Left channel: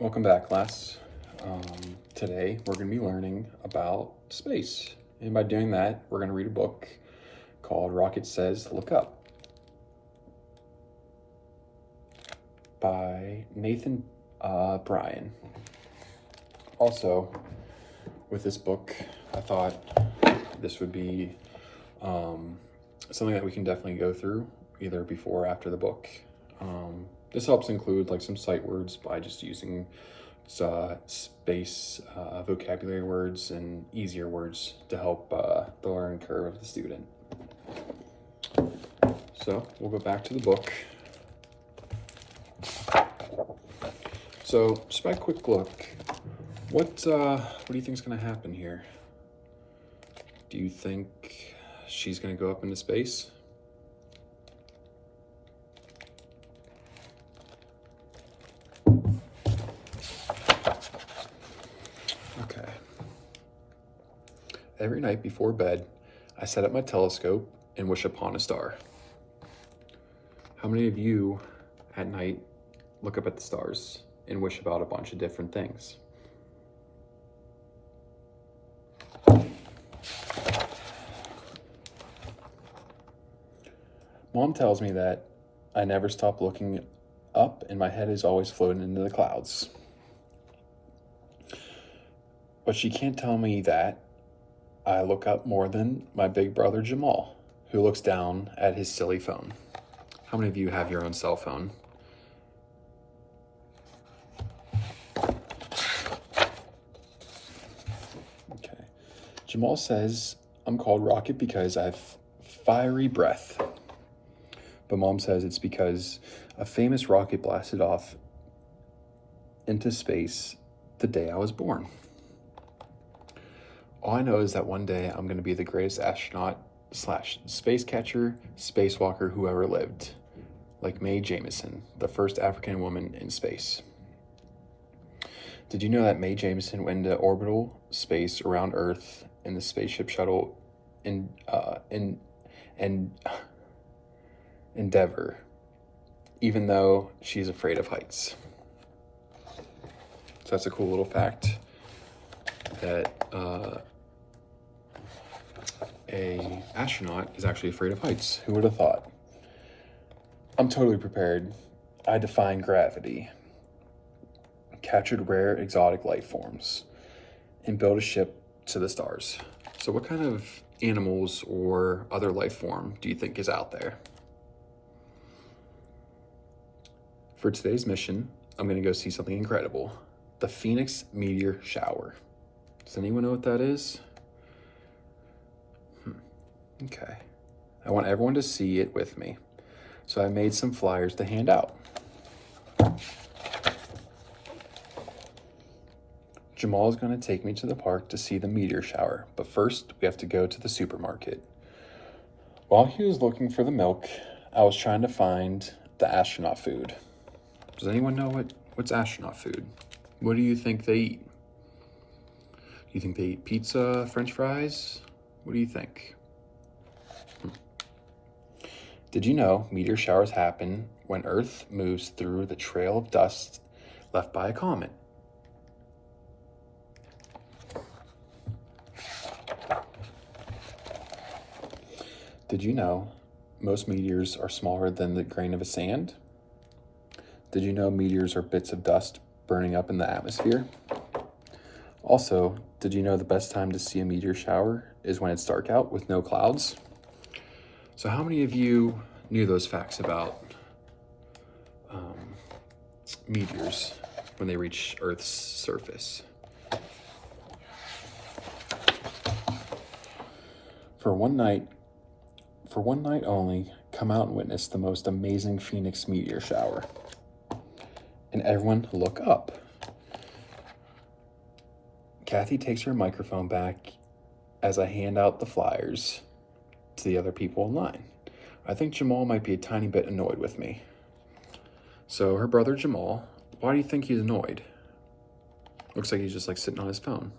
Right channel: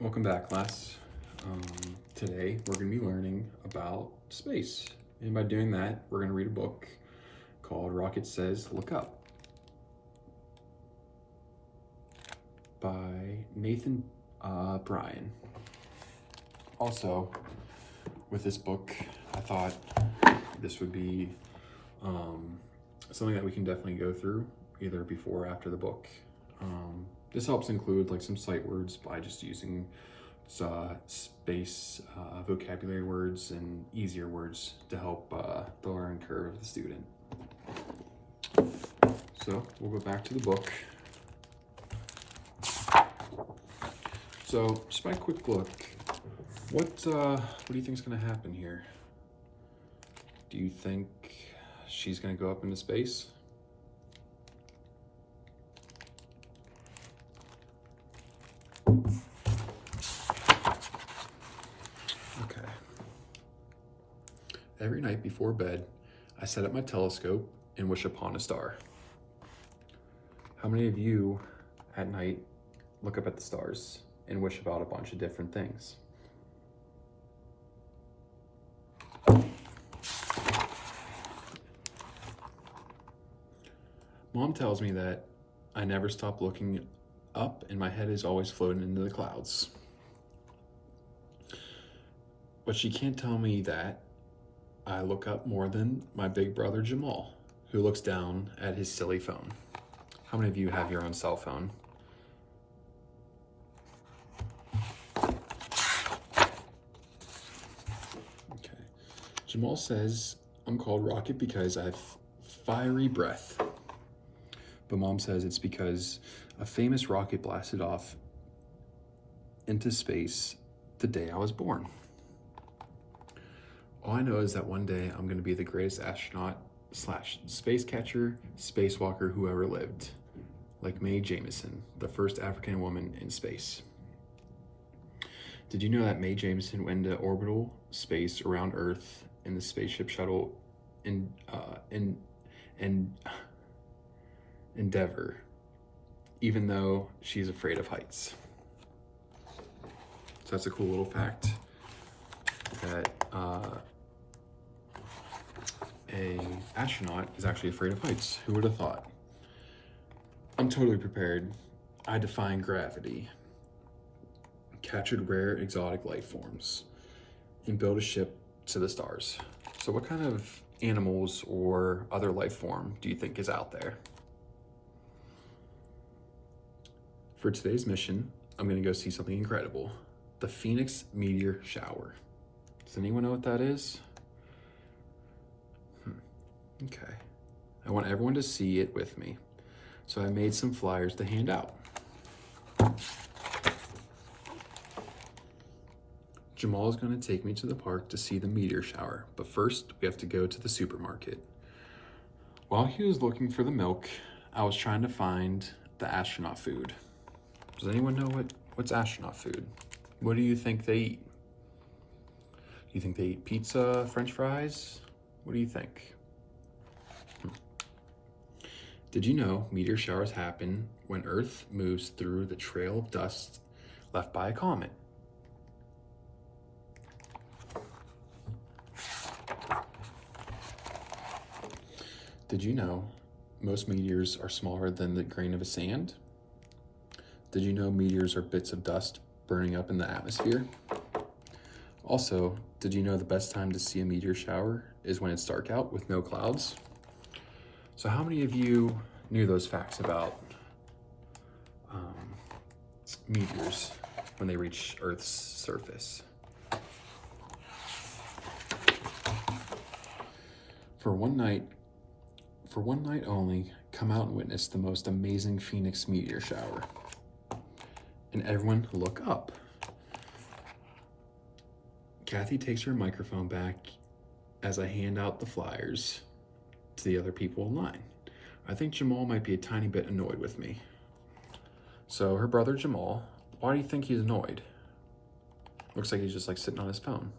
Welcome back, class. Today we're going to be learning about space. And by doing that, we're going to read a book called Rocket Says Look Up by Nathan Bryon. Also, with this book, I thought this would be something that we can definitely go through either before or after the book. This helps include like some sight words by just using space vocabulary words and easier words to help the learning curve of the student. So we'll go back to the book. So just by a quick look, what do you think is going to happen here? Do you think she's going to go up into space? Okay. Every night before bed, I set up my telescope and wish upon a star. How many of you at night look up at the stars and wish about a bunch of different things? Mom tells me that I never stop looking up and my head is always floating into the clouds. But she can't tell me that I look up more than my big brother Jamal, who looks down at his silly phone. How many of you have your own cell phone? Okay. Jamal says I'm called Rocket because I have fiery breath. But Mom says it's because a famous rocket blasted off into space the day I was born. All I know is that one day I'm going to be the greatest astronaut / space catcher, spacewalker who ever lived, like Mae Jemison, the first African woman in space. Did you know that Mae Jemison went into orbital space around Earth in the spaceship shuttle Endeavour, even though she's afraid of heights? So that's a cool little fact that a astronaut is actually afraid of heights. Who would have thought? I'm totally prepared. I defy gravity, captured rare exotic life forms, and built a ship to the stars. So what kind of animals or other life form do you think is out there? For today's mission, I'm gonna go see something incredible. The Phoenix meteor shower. Does anyone know what that is? Okay. I want everyone to see it with me. So I made some flyers to hand out. Jamal is going to take me to the park to see the meteor shower, but first we have to go to the supermarket. While he was looking for the milk, I was trying to find the astronaut food. Does anyone know what's astronaut food? What do you think they eat? Do you think they eat pizza, French fries? What do you think? Did you know meteor showers happen when Earth moves through the trail of dust left by a comet? Did you know most meteors are smaller than the grain of a sand? Did you know meteors are bits of dust burning up in the atmosphere? Also, did you know the best time to see a meteor shower is when it's dark out with no clouds? So how many of you knew those facts about meteors when they reach Earth's surface? For one night only, come out and witness the most amazing Phoenix meteor shower. And everyone look up. Kathy takes her microphone back as I hand out the flyers to the other people in line. I think Jamal might be a tiny bit annoyed with me. So her brother Jamal, why do you think he's annoyed? Looks like he's just like sitting on his phone.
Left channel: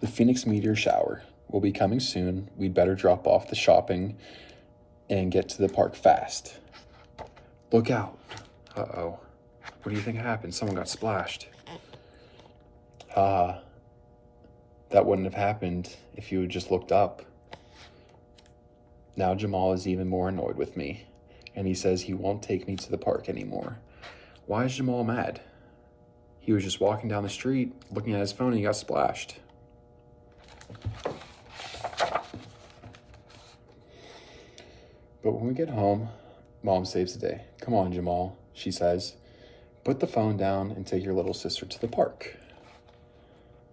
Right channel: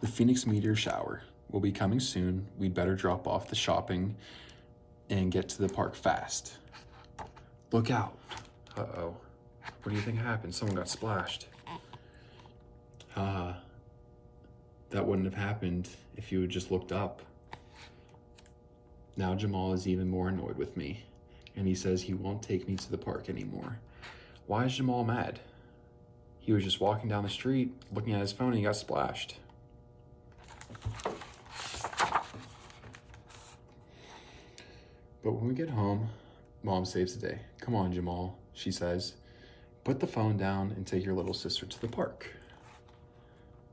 The Phoenix meteor shower will be coming soon. We'd better drop off the shopping and get to the park fast. Look out. Uh-oh. What do you think happened? Someone got splashed. That wouldn't have happened if you had just looked up. Now Jamal is even more annoyed with me, and he says he won't take me to the park anymore. Why is Jamal mad? He was just walking down the street, looking at his phone, and he got splashed. But when we get home, Mom saves the day. Come on, Jamal, she says. Put the phone down and take your little sister to the park.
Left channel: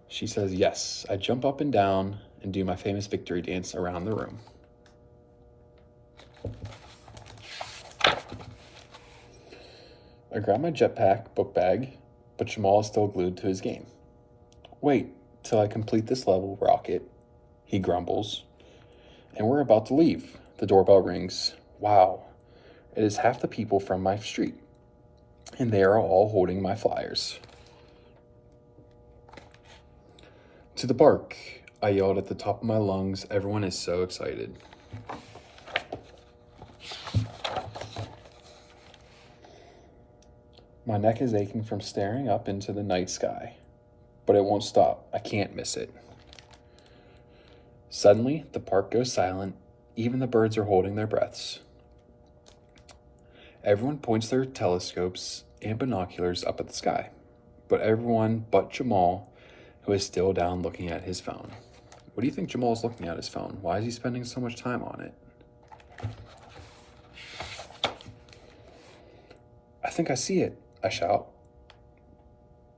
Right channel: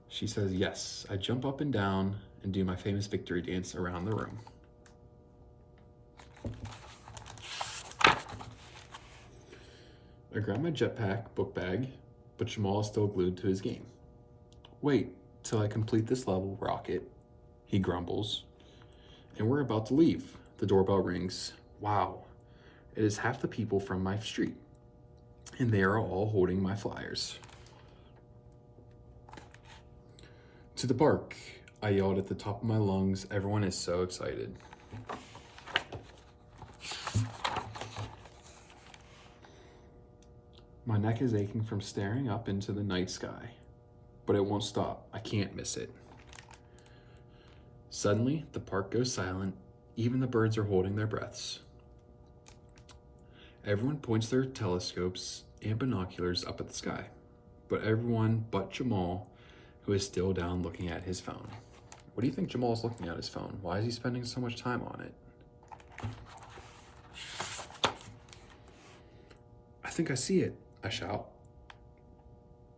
She says, yes. I jump up and down and do my famous victory dance around the room. I grab my jetpack book bag, but Jamal is still glued to his game. Wait till I complete this level, Rocket, he grumbles. And we're about to leave. The doorbell rings. Wow, it is half the people from my street, and they are all holding my flyers. To the park, I yelled at the top of my lungs. Everyone is so excited. My neck is aching from staring up into the night sky, but it won't stop. I can't miss it. Suddenly, the park goes silent. Even the birds are holding their breaths. Everyone points their telescopes and binoculars up at the sky, but everyone but Jamal, who is still down looking at his phone. What do you think Jamal's looking at his phone? Why is he spending so much time on it? I think I see it, I shout.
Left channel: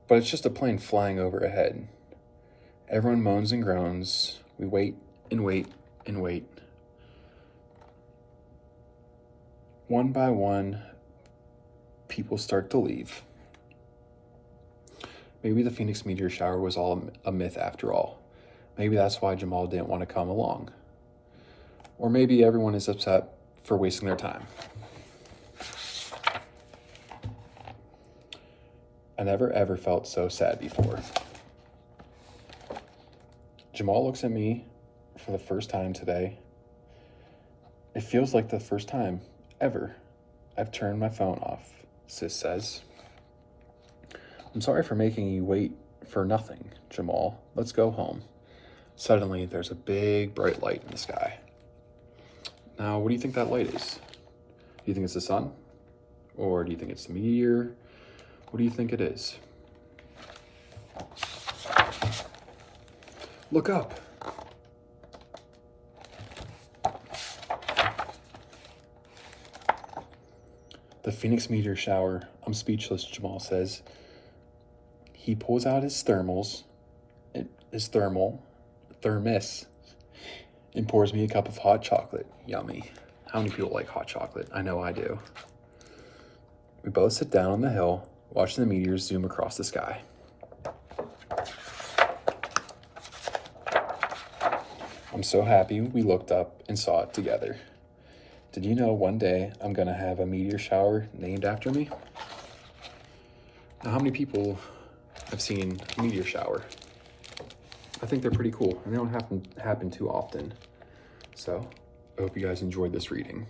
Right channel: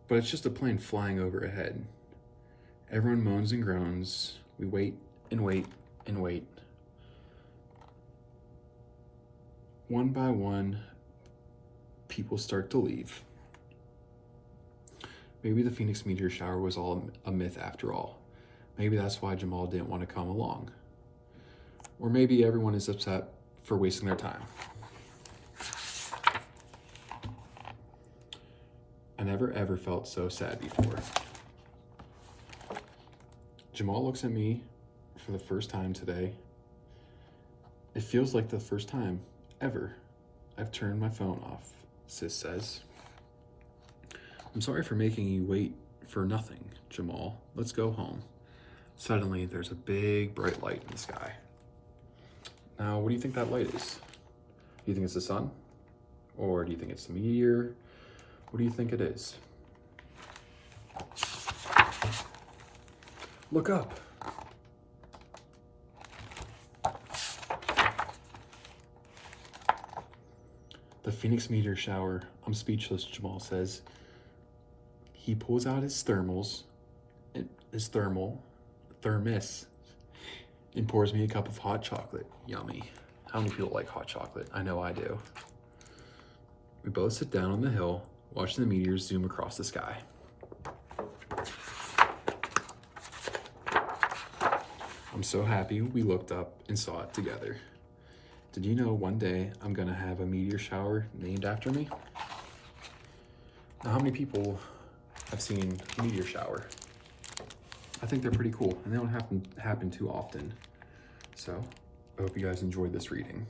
But it's just a plane flying overhead. Everyone moans and groans. We wait and wait and wait. One by one, people start to leave. Maybe the Phoenix meteor shower was all a myth after all. Maybe that's why Jamal didn't want to come along. Or maybe everyone is upset for wasting their time. I never ever felt so sad before. Jamal looks at me for the first time today. It feels like the first time ever I've turned my phone off, Sis says. I'm sorry for making you wait for nothing, Jamal. Let's go home. Suddenly, there's a big bright light in the sky. Now, what do you think that light is? Do you think it's the sun? Or do you think it's the meteor? What do you think it is? Look up. The Phoenix meteor shower. I'm speechless, Jamal says. He pulls out his thermos, and pours me a cup of hot chocolate. Yummy. How many people like hot chocolate? I know I do. We both sit down on the hill, watching the meteors zoom across the sky. I'm so happy we looked up and saw it together. Did you know one day I'm gonna have a meteor shower named after me? Now, how many people have seen a meteor shower? I think they're pretty cool, and they don't happen too often. So, I hope you guys enjoyed this reading.